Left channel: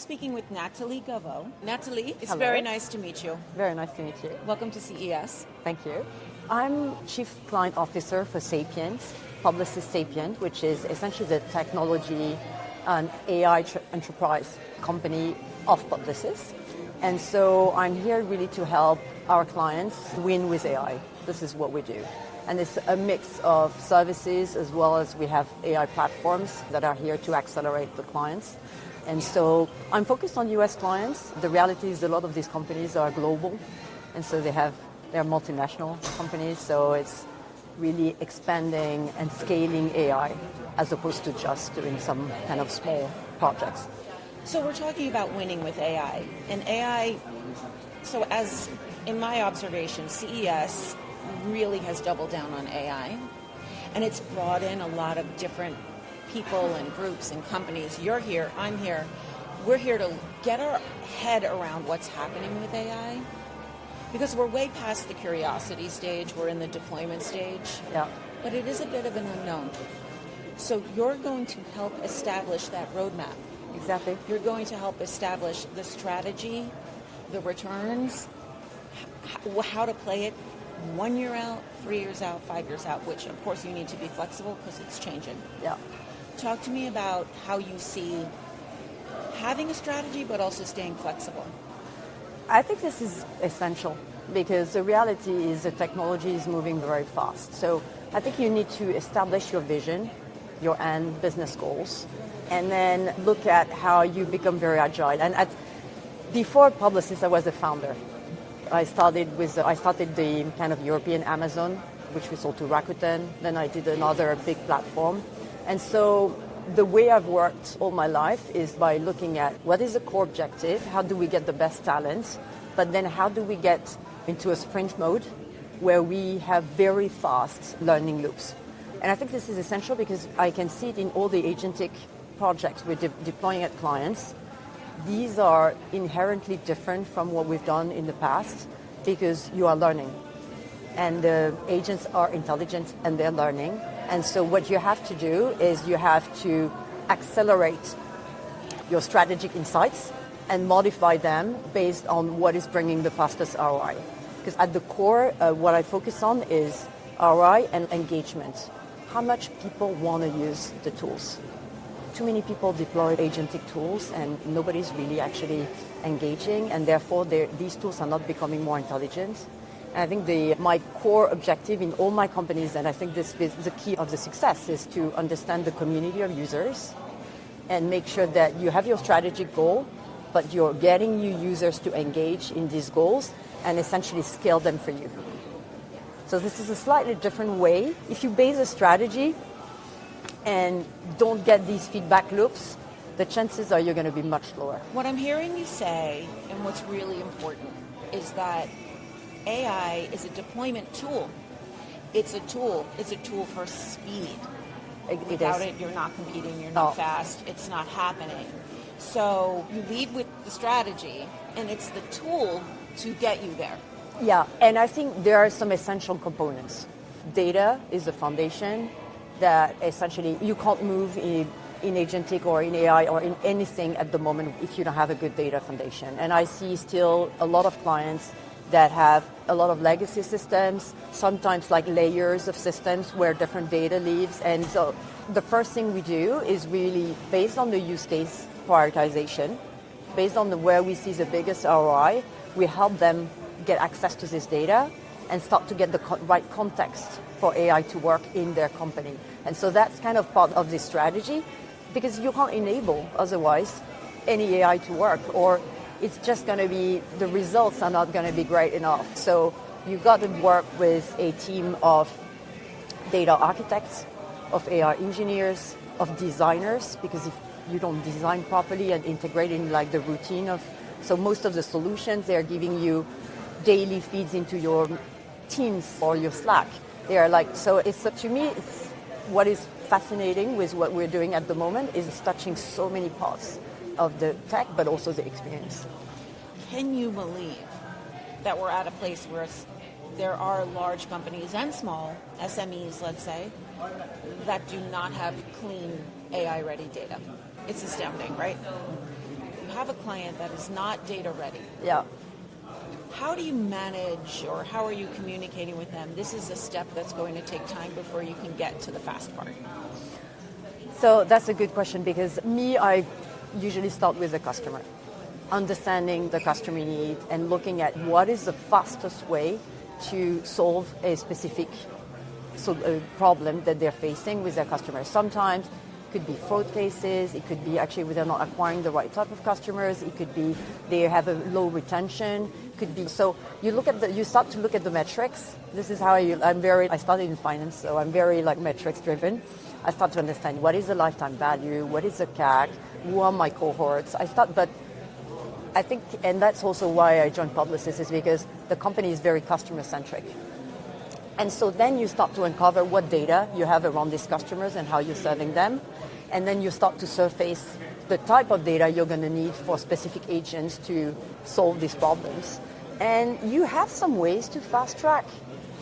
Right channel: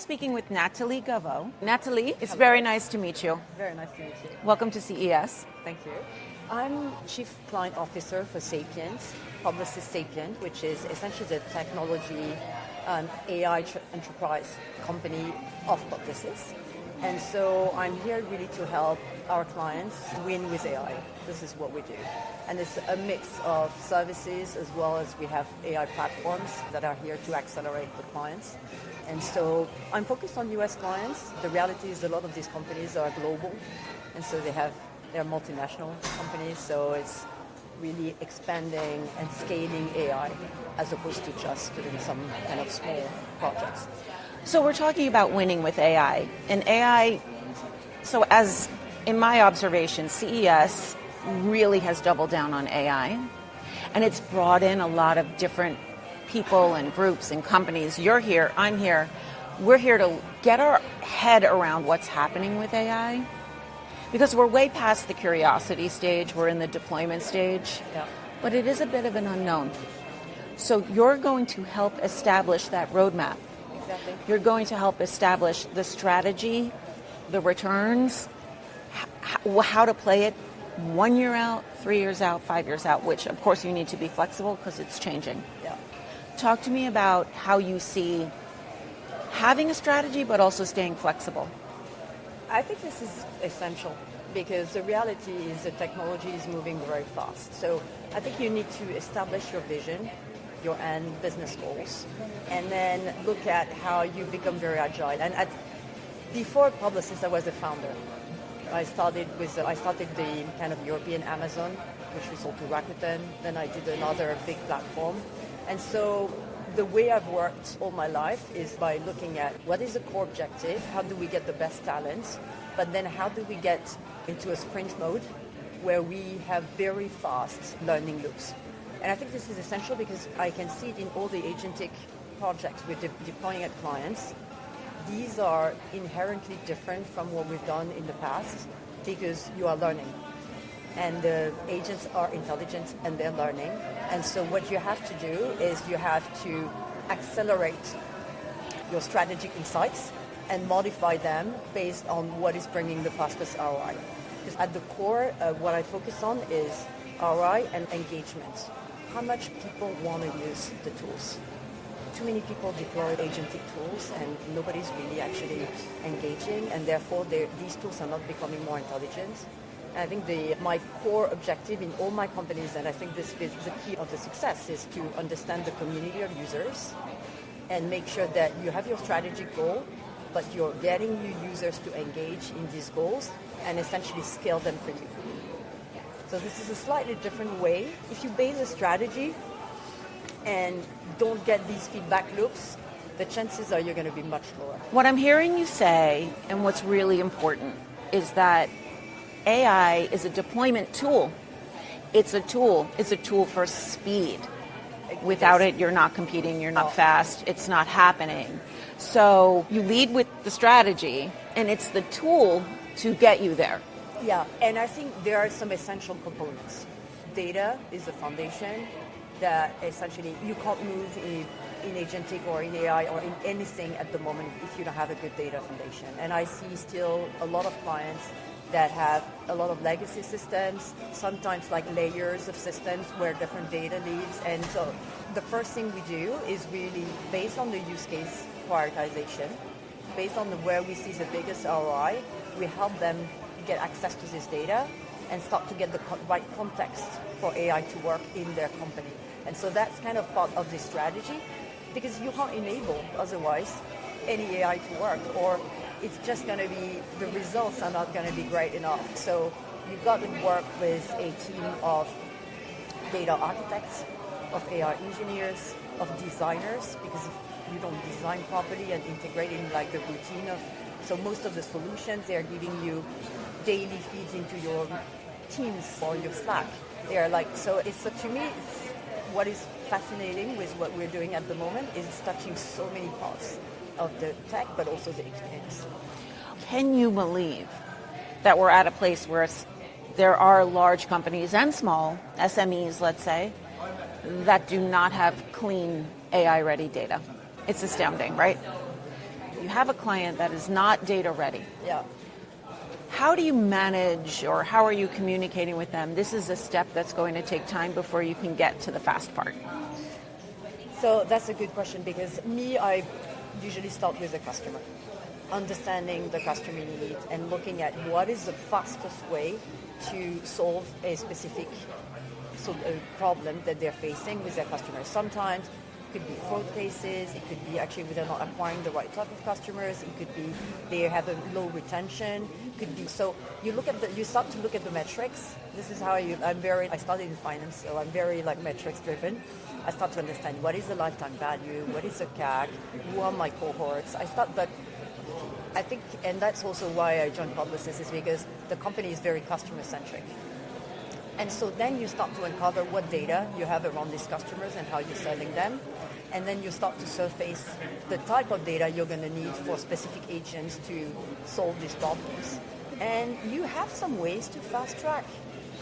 speaking with Nathalie Gaveau. Nathalie, it's Hello. very nice to meet you. Very nice to meet you. Welcome to CES. Thank you. I'm Chief Client Officer for Sapient, Publicis Sapient, which is essentially the technology and AI enterprise company of Publicis. And so I'm here really to help our clients win with AI. This is what we do. And it's a mix of services as well as we have AI platforms that are here to accelerate the clients. And so I'm focused on US clients. The reality is a lot of these companies are global. And so they're multinational companies. So it's really expanding and scaling AI as opposed to just doing some kind of small projects. So we're talking about winning with AI. And AI, so as in my observation, CES really has doubled down on AI. And it's brought in a lot of different people and groups and companies. You're here, I'm here. We're here to get our head around what's happening with AI. Because we're way past the curiosity stage, we're in the deployment stage. Yeah. But it is a bit of an unknown. So you're going to help establish that roadmap. Exactly. You're going to help establish the strategy, the returns, how to play it 1 year out, 3 years out, 5 years out, which of course you need to be flexible because it's changing. Yeah. Talk to me about how you see having a strategy but also staying flexible. I think this is essential because the reality is the technology is moving very fast. So I think you need to establish your vision, your end business goals, and then look at how you become very agile. And before Publicis, I was a founder. I started the kind of European Amazon, which we sold to Rakuten. Then I did another big platform. And so the way I've worked all my life is by looking at what is the core objective, how do we get the best talent, but then how do we get into a sprint mode where we have very fast learning loops. And I think this is essential because I can see it in all the agentic projects we're deploying at clients. These are inherently different from what we've done in the past because you are learning. And the agents are intelligent and they're learning. And so what you have to do is you have to accelerate your strategic insights and modify them based on what is bringing the fastest ROI. Because at the core, what I focus on is ROI and engagement. How much people want to use the tools. Too many people deploy agentic tools and nobody's really actually engaging, and therefore these tools are not becoming more intelligent. And I think my core objective in all my companies, and I think this is the key of the success, is to understand the community of users and make sure that you have your strategic goal, but you're getting new users to engage in these goals and essentially scale them for you. So this is a slightly different way. If you base a strategy and don't get these feedback loops, the chances are you're going to be much lower. What I'm hearing you say, and what's really important, is that AI is a deployment tool. It's a tool. It's a tool for speed. Without it, you're not competing, you're not fast, it's not happening. So you lead with the strategy, and it's the tool to get you there. Yeah, and I think there are some essential components. Data is the foundation that essentially you can't move in agentic or in AI or in anything at the moment if you don't have a good data foundation. And I see still a lot of clients that have a lot of legacy systems, sometimes like layers of systems where different data lives. And so the first thing we do is really based on the use case prioritization, based on where we see the biggest ROI, we help them get access to this data and start to get the right context for AI to work in their company. And so that's kind of part of this strategy because you can't enable otherwise any AI to work, or it's just going to be, the results are not going to be great enough. So you've got to work with a team of data architects, of AI engineers, of designers, because if you don't design properly and integrate in like the routine of, so most of the solutions, they're giving you daily feeds into your Teams or your Slack. They are like, so it's, to me, it's what is fascinating with what we're doing at the moment is it's touching so many parts of the tech, but also the experience. Can you believe that we're at a place where there are large companies and small SMEs, let's say, that do not have clean AI-ready data? It's astounding, right? have a client that is not data ready, Yeah. how do you manage or how are you communicating with them? This is a step that's going to take time before you can get to the fast part. So that's a good question because I usually start with the customer, understanding the customer need and looking at what is the fastest way to solve a specific problem that they're facing with their customers. Sometimes it could be fraud cases, it could be actually they're not acquiring the right type of customers, it could be they have a low retention, it could be, so you start to look at the metrics. This is how I started in finance, so I'm very metrics driven. I start to understand what is the lifetime value, what is the CAC, who are my cohorts. But I think, and that's also why I joined Publicis, is because the company is very customer centric. And so then you start to uncover what data you have around these customers and how you're serving them. And then you start to surface the type of data you're going to need for specific agents to solve these problems. And you have some ways to fast track.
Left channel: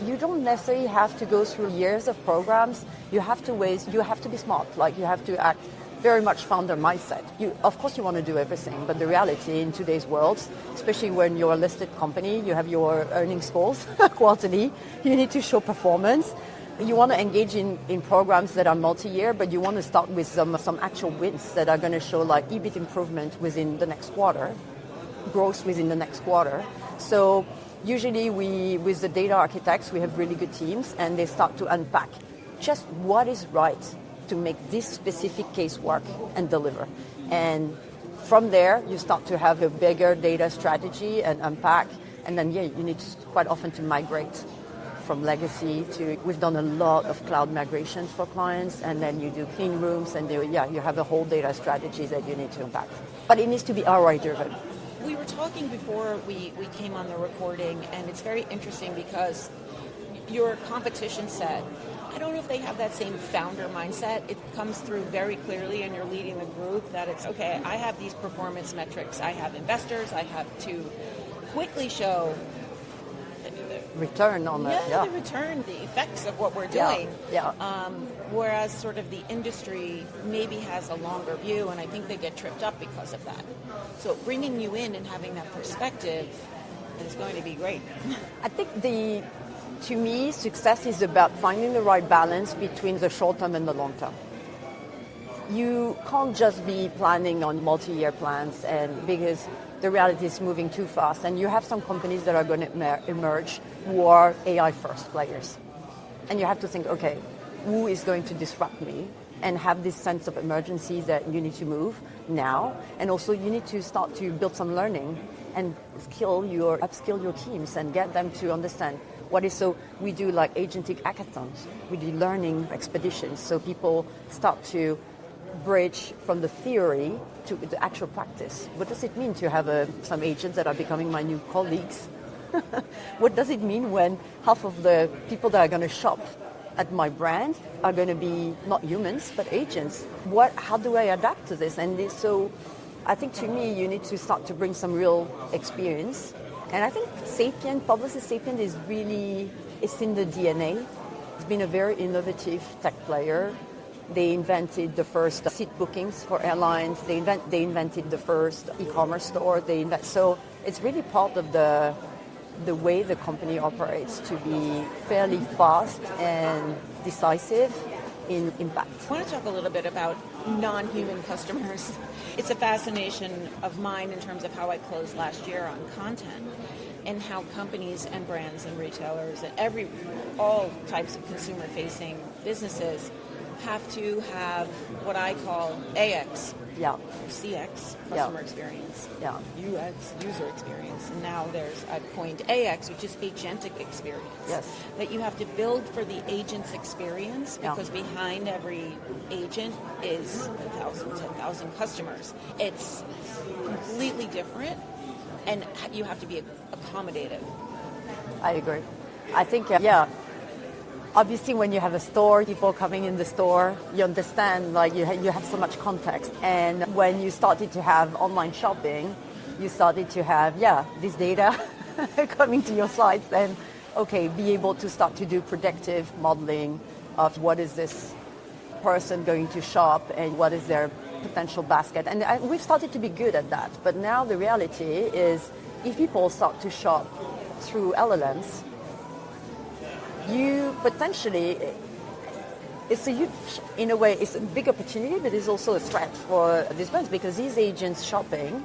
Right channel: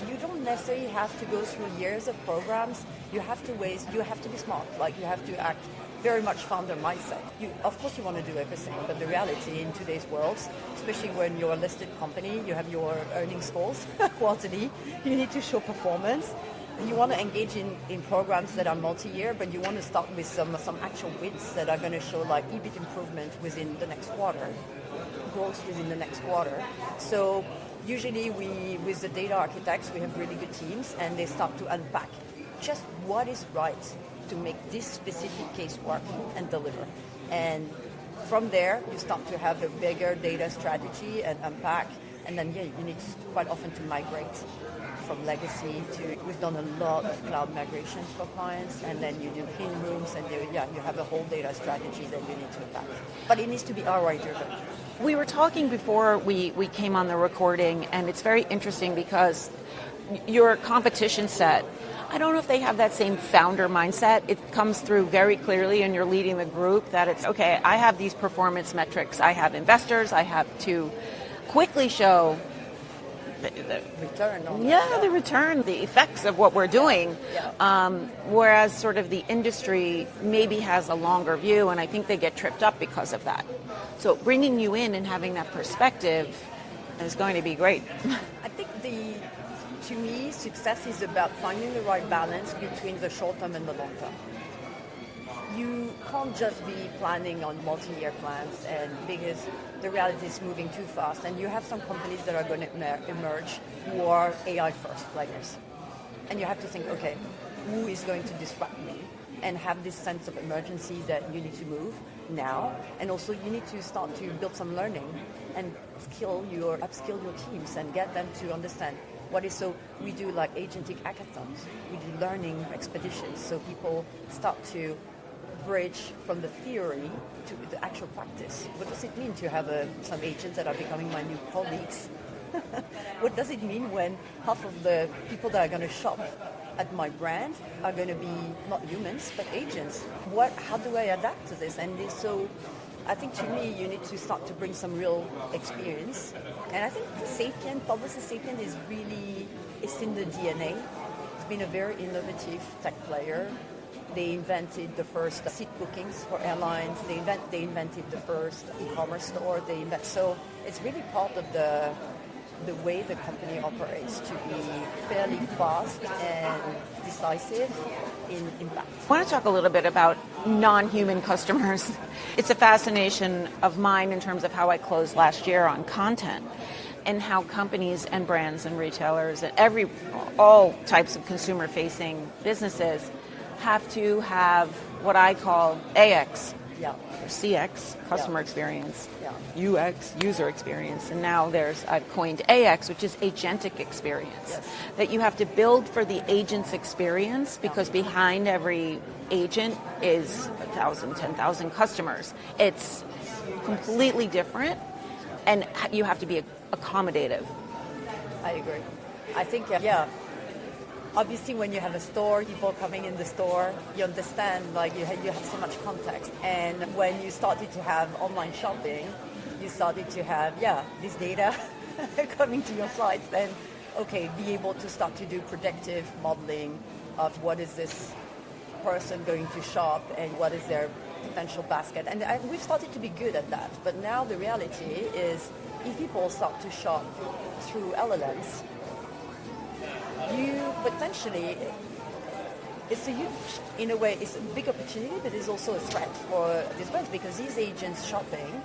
You don't necessarily have to go through years of programs. You have to be smart. You have to act very much founder mindset. Of course you want to do everything, but the reality in today's world, especially when you're a listed company, you have your earnings calls quarterly, you need to show performance. You want to engage in programs that are multi-year, but you want to start with some actual wins that are going to show EBIT improvement within the next quarter, growth within the next quarter. So usually with the data architects, we have really good teams and they start to unpack just what is right to make this specific case work and deliver. And from there, you start to have a bigger data strategy and unpack. And then, you need quite often to migrate from legacy to, we've done a lot of cloud migrations for clients, and then you do clean rooms, and you have a whole data strategy that you need to unpack. But it needs to be ROI driven. We were talking before we came on the recording, and it's very interesting because your competition set, I don't know if they have that same founder mindset. It comes through very clearly, and you're leading the group, that it's, okay, I have these performance metrics. I have investors. I have to quickly show the return on that. Yeah, the return, the effects of what we're doing. Yeah. Whereas sort of the industry maybe has a longer view, and I think they get tripped up because of that. So bringing you in and having that perspective is going to be great. I think to me, success is about finding the right balance between the short term and the long term. You can't just be planning on multi-year plans, and because the reality is moving too fast, and you have some companies that are going to emerge who are AI first players. And you have to think, okay, who is going to disrupt me, and have this sense of emergency that you need to move now. And also you need to start to build some learning and upskill your teams and get them to understand what is. So we do agentic hackathons, we do learning expeditions, so people start to bridge from the theory to the actual practice. What does it mean to have some agents that are becoming my new colleagues? What does it mean when half of the people that are going to shop at my brand are going to be not humans but agents? How do I adapt to this? And so I think to me you need to start to bring some real experience. And I think Publicis Sapient it's in the DNA. It's been a very innovative tech player. They invented the first seat bookings for airlines. They invented the first ecommerce store. So it's really part of the way the company operates, to be fairly fast and decisive in impact. I want to talk a little bit about non-human customers. It's a fascination of mine in terms of how I closed last year on content, and how companies and brands and retailers and all types of consumer-facing businesses have to have what I call AX, CX, customer experience, UX, user experience, and now I've coined AX, which is agentic experience, that you have to build for the agent's experience, because behind every agent is 1,000, 10,000 customers. It's completely different, and you have to be accommodative. I agree. I think, obviously, when you have a store, people coming in the store, you understand, you have so much context. And when you started to have online shopping, you started to have, this data coming to your sites, and, be able to start to do predictive modeling of what is this person going to shop and what is their potential basket. And we've started to be good at that. But now the reality is if people start to shop through LLMs, you potentially, it's a huge, in a way, it's a big opportunity, but it's also a threat for these brands because these agents shopping,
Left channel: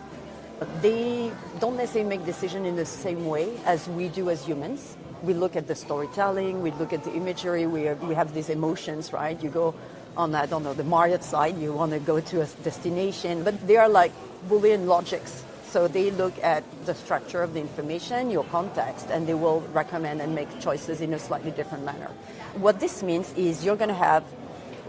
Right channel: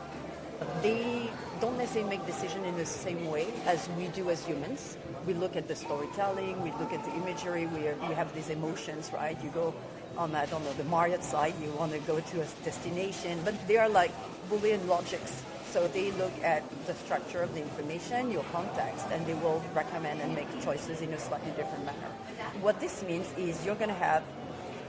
they don't necessarily make decisions in the same way as we do as humans. We look at the storytelling, we look at the imagery, we have these emotions, right? You go on, I don't know, the Marriott side, you want to go to a destination, but they are like Boolean logics. So they look at the structure of the information, your context, and they will recommend and make choices in a slightly different manner. What this means is you're going to have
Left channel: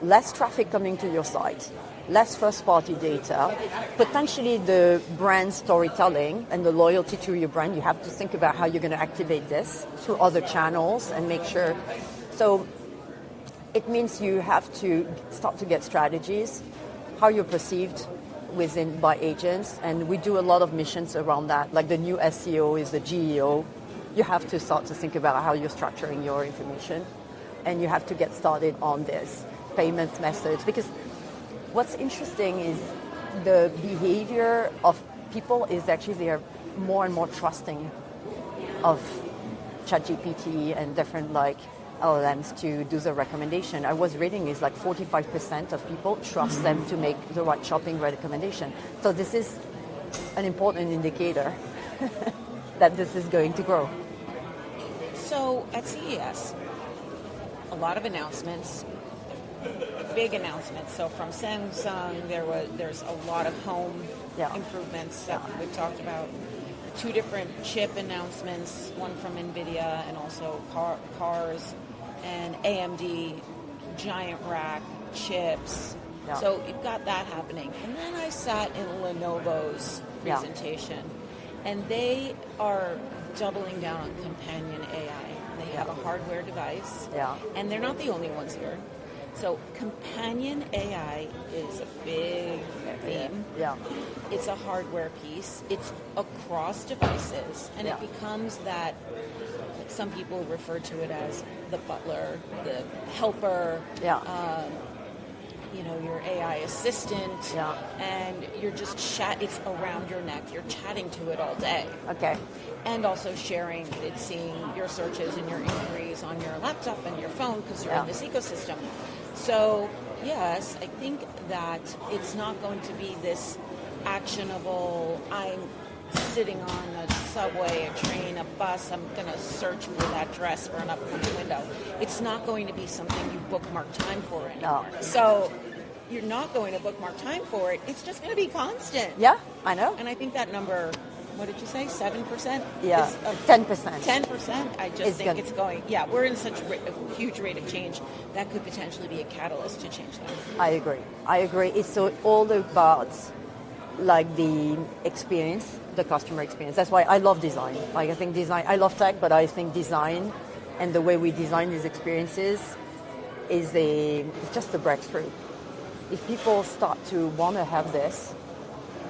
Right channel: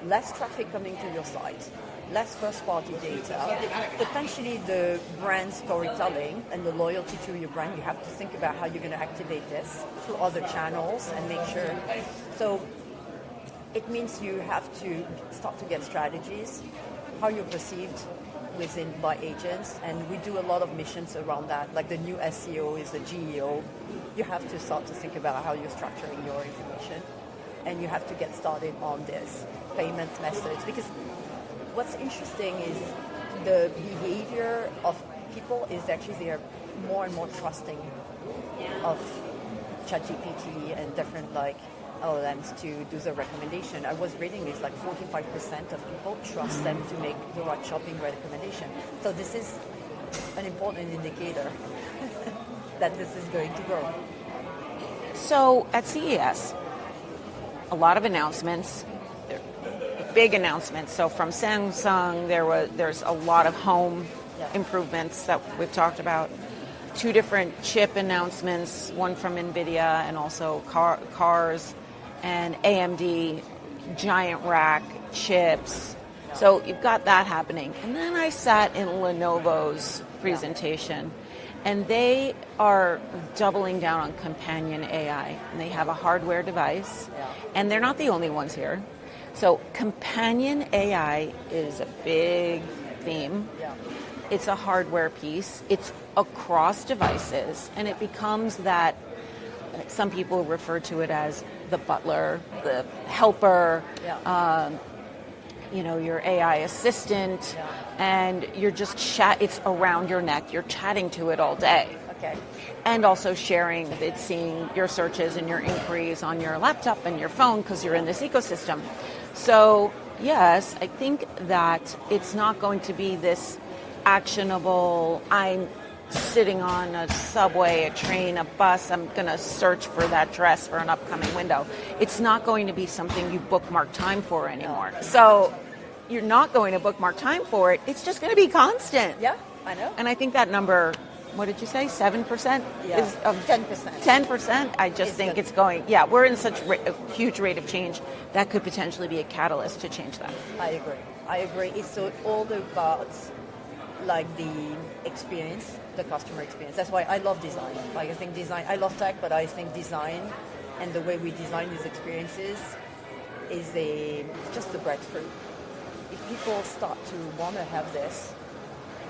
less traffic coming to your site, less first-party data, potentially the brand storytelling and the loyalty to your brand. You have to think about how you're going to activate this through other channels and make sure. So it means you have to start to get strategies, how you're perceived by agents, and we do a lot of missions around that. Like the new SEO is the GEO. You have to start to think about how you're structuring your information, and you have to get started on this payments methods, because what's interesting is the behavior of people is actually they are more and more trusting of ChatGPT and different like LLMs to do the recommendation. I was reading is like 45% of people trust them to make the right shopping recommendation. So this is an important indicator that this is going to grow. So at CES, a lot of announcements, big announcements. So from Samsung, there's a lot of home improvements that we've talked about. 2 different chip announcements, one from NVIDIA and also cars, and AMD, giant rack chips. Yeah. So you've got that happening. And then I sat in Lenovo's presentation, and they are doubling down on companion AI. And they have a hardware device, and they're not the only ones here. So companion AI is a big theme. Yeah. It's a hardware piece. It's across devices, and it becomes that. Some people refer to it as the butler, the helper, your AI assistant, and you're just it's around your neck. You're chatting to it all day. Okay. And also sharing, it's seeing your searches and your inquiries on your laptop and your phone because you're in this ecosystem. So yes, I think that it's not going to be this actionable, I'm sitting on a subway, a train, a bus, I'm going to search for that dress for an upcoming window. It's not going to be something you bookmark time for anymore. So you're not going to bookmark time for it. It's just going to be constant. Yeah, I know. And I think that number, what did you say, 7%? Yeah, is 10%. 10%? I just think it's going, we're in such a huge rate of change that could potentially be a catalyst to change that. I agree. It's all about like the experience, the customer experience. That's why I love design. Like I think design, I love tech, but I think design and the way we design these experiences is just a breakthrough. If people start to want to have this,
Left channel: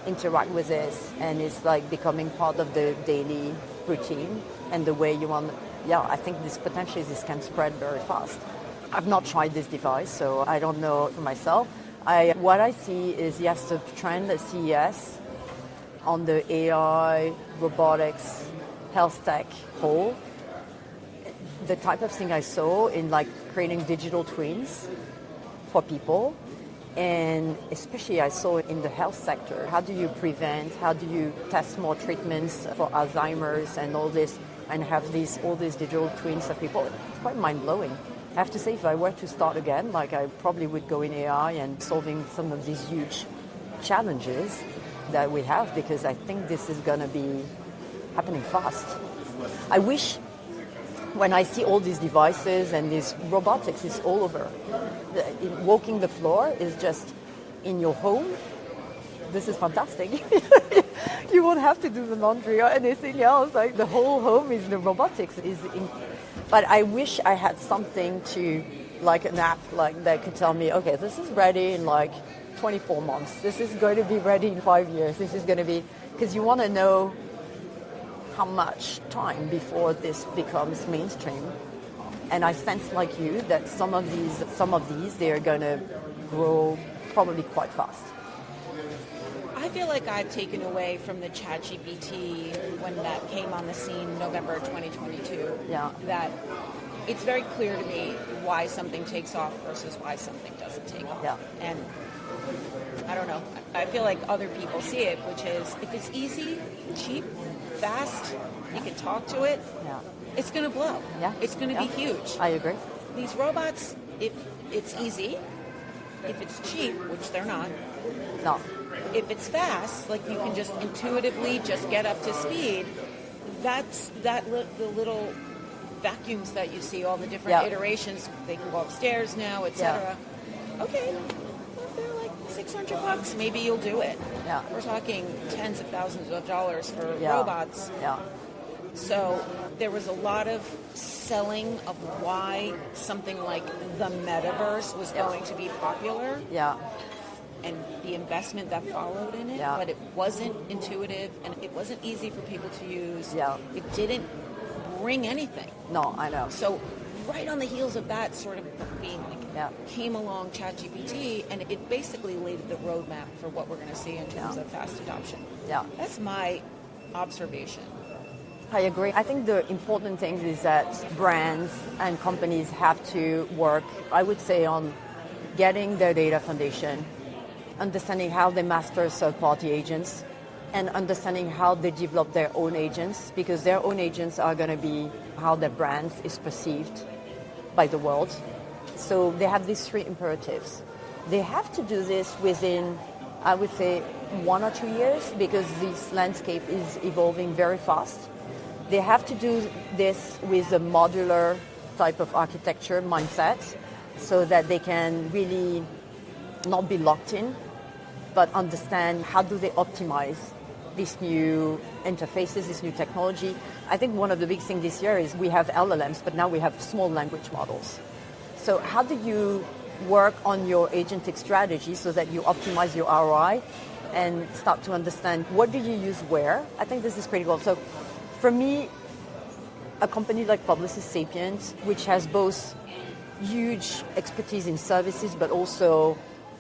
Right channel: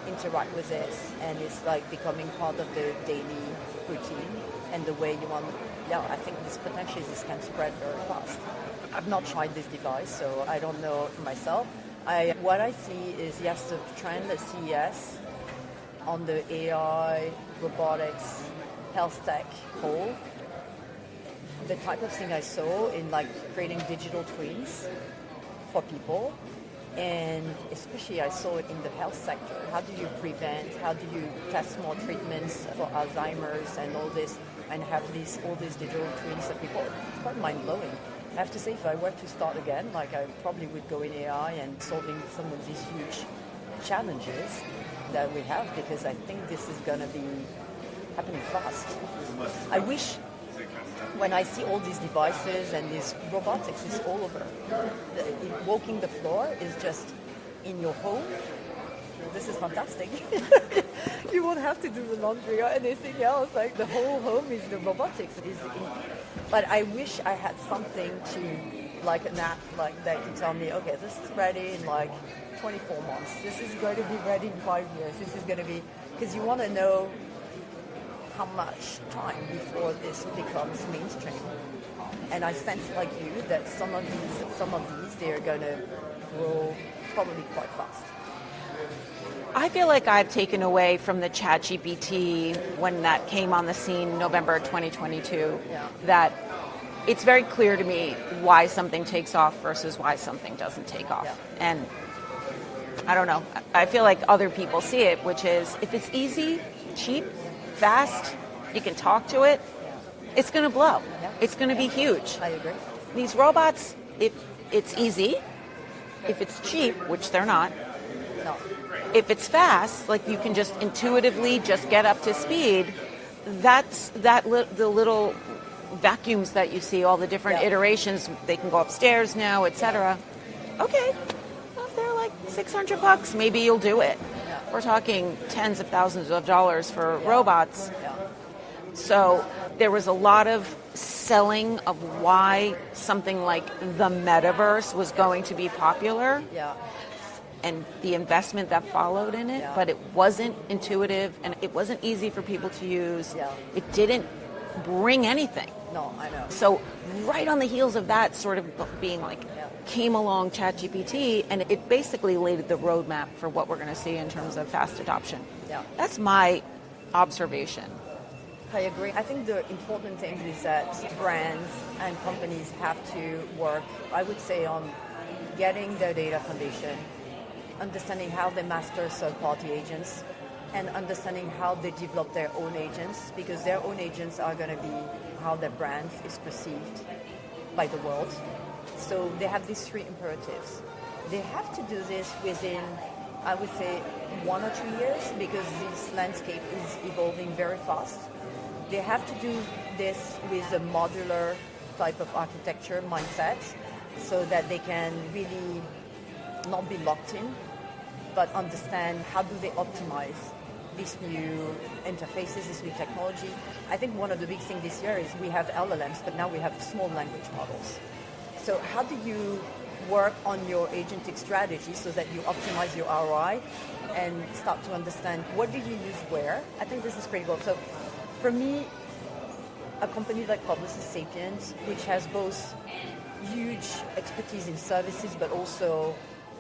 interact with this, and it's like becoming part of the daily routine and the way you want, I think this can spread very fast. I've not tried this device, so I don't know for myself. What I see is, yes, the trend at CES on the AI, robotics, health tech whole, the type of thing I saw in like creating digital twins for people, and especially I saw it in the health sector. How do you prevent, how do you test more treatments for Alzheimer's and all this, and have all these digital twins of people? It's quite mind-blowing. I have to say, if I were to start again, like I probably would go in AI and solving some of these huge challenges that we have, because I think this is going to be happening fast. I wish when I see all these devices and this robotics is all over. Walking the floor is just in your home. This is fantastic. You won't have to do the laundry or anything else. Like the whole home is the robotics. But I wish I had something to, like an app like that could tell me, okay, this is ready in like 24 months. This is going to be ready in 5 years. This is going to be, because you want to know how much time before this becomes mainstream. And I sense, like you, that some of these, they're going to grow probably quite fast. I feel like I've taken away from the ChatGPT when that came on the scene November 2022 that it's very clear to me why something takes off versus why something doesn't take off. Yeah. And I don't know. I feel like other people see it, which is if it's easy, cheap, fast, you can talk to it, it's going to blow. Yeah. It's going to be huge. I agree. These robots, if it's easy, if it's cheap, which they're not, No. if it's fast, like you can just intuitively just get up to speed, that's the little vacuums that you see, all the different iterations, they can go upstairs now, etc. Okay, well, if they're like $600, maybe you'll do it. Yeah. We're talking tens of thousands of dollars for robots. Yeah. So there was a lot of selling of why something like the metaverse was going to be popular. Yeah. And the investment that followed in it, Yeah. but it wasn't intuitive and it wasn't easy for people to use. Yeah. It didn't bring anything. No, I know. So right on the heels of that sort of being like, came along ChatGPT, and it basically laid the roadmap for what we're going to see in terms of fast adoption. Yeah. That's my observation. I agree. I think the important thing is that brands and companies have to work, I would say, on getting their data foundation, understanding how they master third-party agents, and understanding how they develop their own agents, because their own agents are going to be how their brand is perceived by the world. So they have these three imperatives. They have to do this within, I would say, 1 or 2 years, because this landscape is evolving very fast. They have to do this with a modular type of architecture mindset, so that they can really not be locked in, but understand how do they optimize these new interfaces, this new technology. I think one of the big things this year is we have LLMs, but now we have small language models. So how do you work on your agentic strategy so that you optimize your ROI and start to understand what do you use where? I think this is critical. So for me, a company like Publicis Sapient, which has both huge expertise in services, but also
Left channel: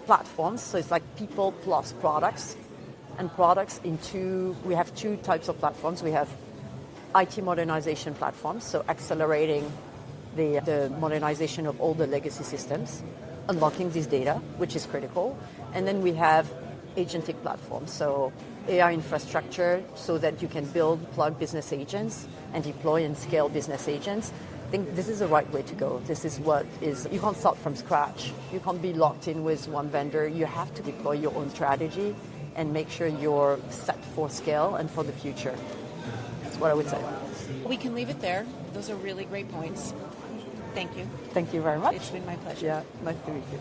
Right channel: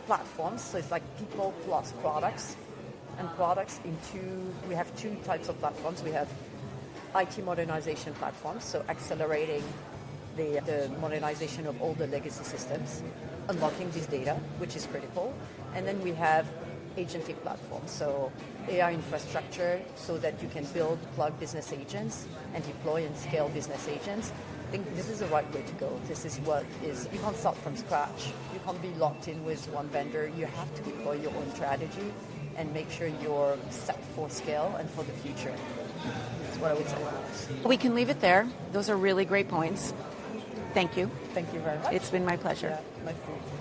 platforms, so it's like people plus products, and products we have two types of platforms. We have IT modernization platforms, so accelerating the modernization of all the legacy systems, unlocking this data, which is critical. And then we have agentic platforms, so AI infrastructure, so that you can build, plug business agents and deploy and scale business agents. I think this is the right way to go. This is what is, you can't start from scratch. You can't be locked in with one vendor. You have to deploy your own strategy and make sure you're set for scale and for the future. That's what I would say. We can leave it there. Those are really great points. Thank you. Thank you very much. It's been my pleasure. Yeah, nice to meet you.